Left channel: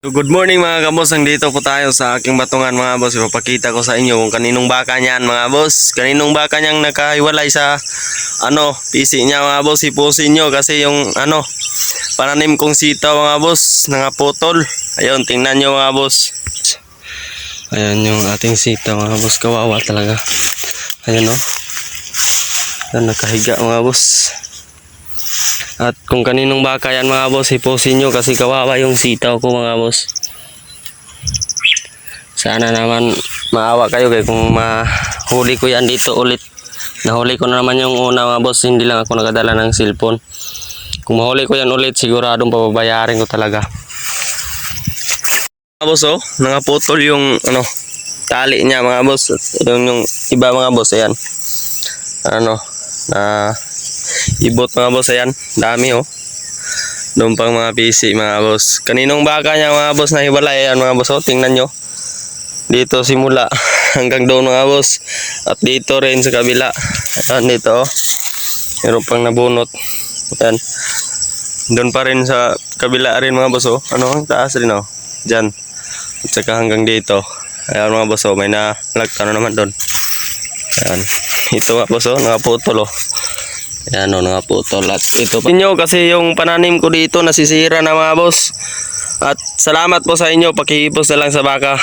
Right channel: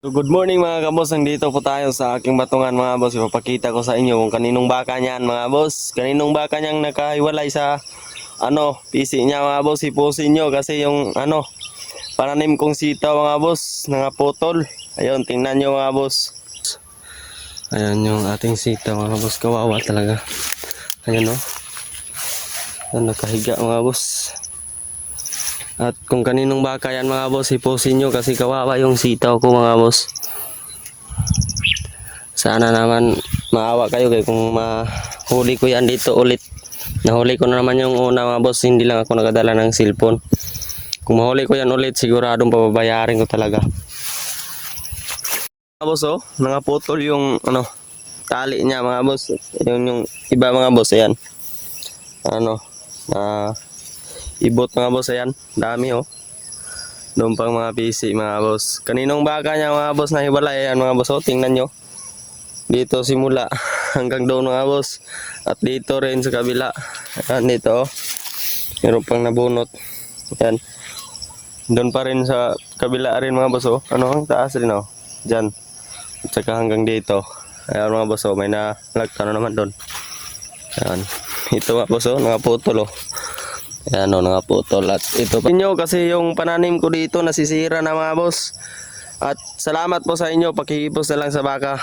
Good morning mga kaboss, nandito po tayo sa aking batungan mga boss. Ipapakita ko sa inyo kung kaninong baka niyan mga boss. Kaninong baka niyang nakahiwalay sa PC niya mga boss. Ipusin nyo kasi yung pananim kong sitaw mga boss, nangaputol. Ayun, tingnan nyo mga boss. Ayan yung ating sitaw mga boss, kawawa talaga. Ayun o, ayun, nakahiga mga boss. At kung kaninong baka yan mga boss, ipusin nyo kasi kawawa yung sitaw ko mga boss. Sana naman maawa kayo kung mahuli ko yan dito ulit. Nahuli ko na naman yung una mga boss, hindi lang ako nakadala ng cellphone. Kung mahuli ko yan ulit, siguradong papabayarin ko talaga. Mga boss nangaputol yung tali niya mga boss. Yung iba mga boss, ayan. Ibot mga boss, ayan, dami doon pang mga PC mga boss. Kaninong baka niya mga boss na hiwalay, ayan mga boss, tingnan nyo dito simula hanggang doon mga boss, at dito rin sa kabila. Ayan, dito meron pang nabunot, ayan, doon pa rin sa kabila rin mga boss. Ang taas rin dyan, at saka hanggang dito. Ayan mga boss, may nalagta na naman doon. Ayan, ito mga boss, nakaputol Ayan nakaputol. At ito pa inyo kasi yung pananim ko dito nasisira na mga boss. At salamat po sa inyo, pakihipos na lang sa baka.